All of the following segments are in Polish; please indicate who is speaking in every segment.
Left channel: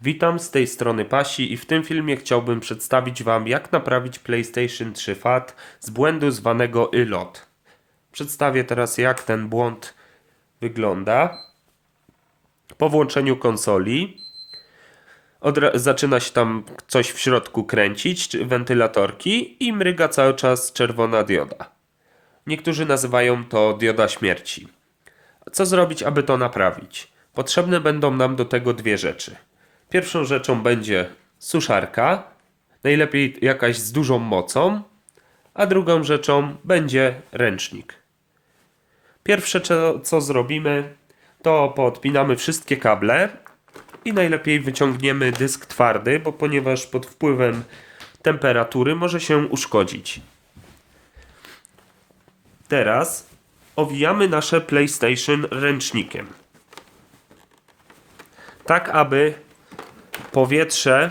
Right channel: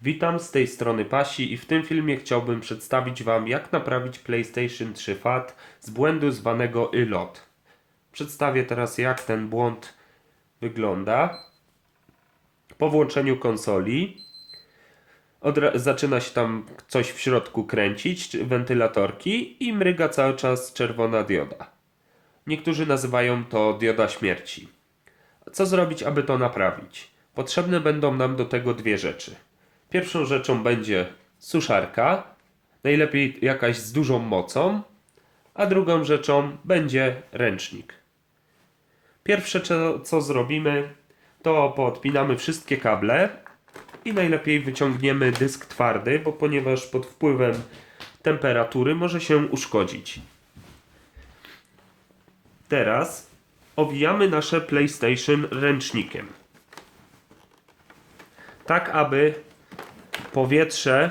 Speaker 1: Witam z tej strony Pasi i w tym filmie chciałbym przedstawić Wam jak naprawić PlayStation 3 FAT z błędu zwanego ILOT. Przedstawię teraz jak ten błąd wygląda. Po włączeniu konsoli zaczyna się tam coś w środku kręcić, wentylatorki i mryga cały czas czerwona dioda. Niektórzy nazywają to dioda śmierci. Co zrobić, aby to naprawić? Potrzebne będą nam do tego dwie rzeczy. Pierwszą rzeczą będzie suszarka, najlepiej jakaś z dużą mocą, a drugą rzeczą będzie ręcznik. Pierwsze, co, zrobimy, to poodpinamy wszystkie kable i najlepiej wyciągniemy dysk twardy, bo ponieważ pod wpływem temperatury może się uszkodzić. Teraz owijamy nasze PlayStation ręcznikiem. Tak, aby powietrze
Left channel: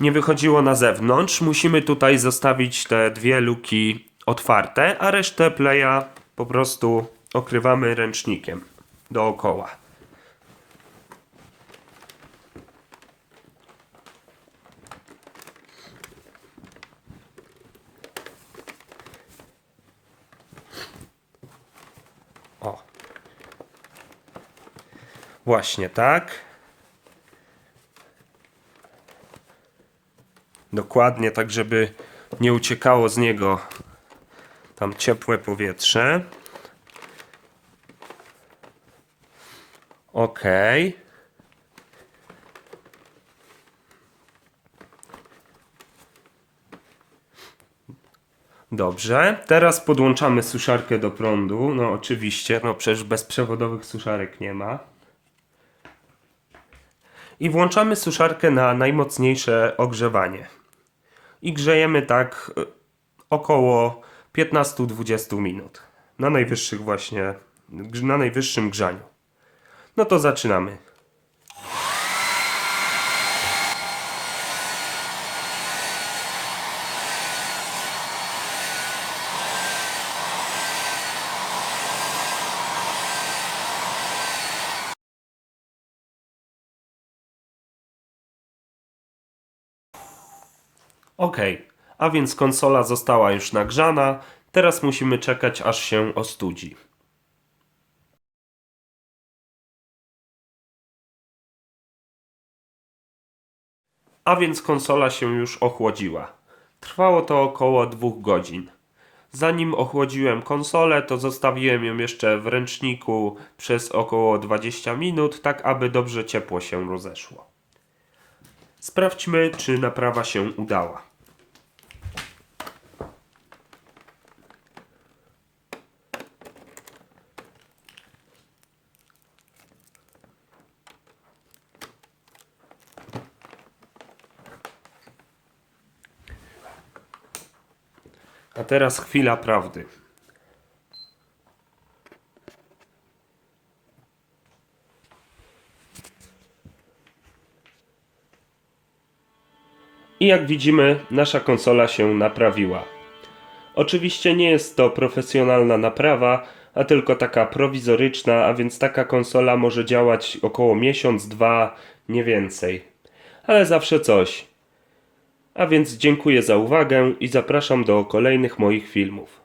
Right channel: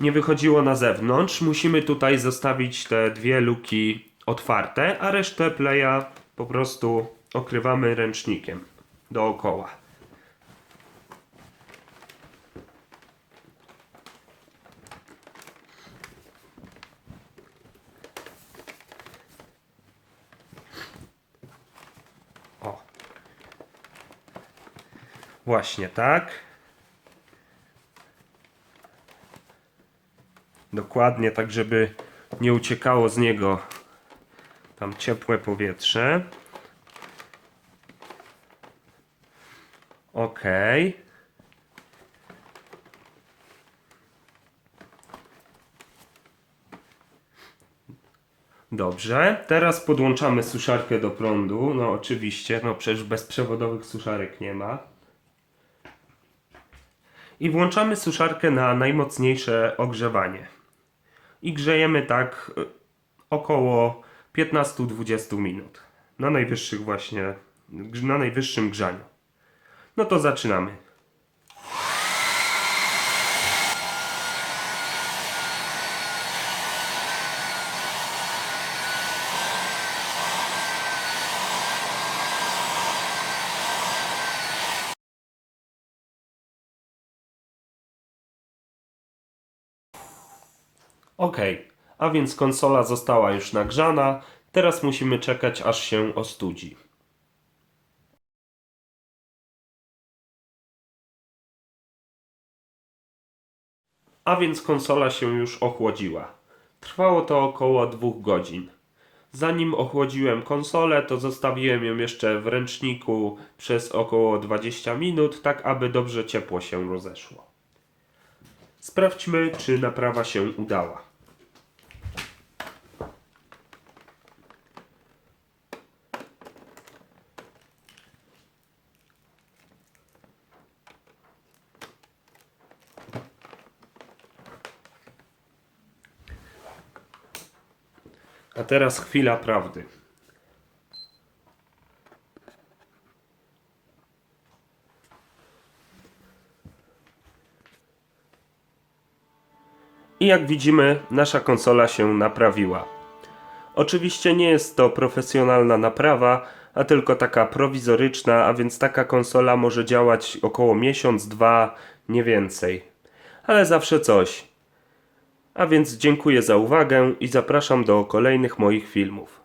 Speaker 1: nie wychodziło na zewnątrz. Musimy tutaj zostawić te dwie luki otwarte, a resztę playa po prostu okrywamy ręcznikiem dookoła. O. Właśnie tak. Dokładnie tak, żeby nie uciekało z niego tam ciepłe powietrze. Ok. Dobrze, teraz podłączamy suszarkę do prądu. No oczywiście, no przecież bezprzewodowych suszarek nie ma. I włączamy suszarkę na najmocniejsze ogrzewanie. I grzejemy tak y, około 15-20 minut. Na najwyższych właśnie, na najwyższym grzaniu. No to zaczynamy. Ok, a więc konsola została już nagrzana. Teraz musimy czekać, aż się ostudzi. A więc konsola się już ochłodziła. Trwało to około dwóch godzin. Zanim ochłodziłem konsolę, to zostawiłem ją jeszcze w ręczniku przez około 20 minut, tak aby dobrze ciepło się rozeszło. Sprawdźmy, czy naprawa się udała. A teraz chwila prawdy. I jak widzimy, nasza konsola się naprawiła. Oczywiście nie jest to profesjonalna naprawa, a tylko taka prowizoryczna, a więc taka konsola może działać około miesiąc, dwa, nie więcej. Ale zawsze coś. A więc dziękuję za uwagę i zapraszam do kolejnych moich filmów.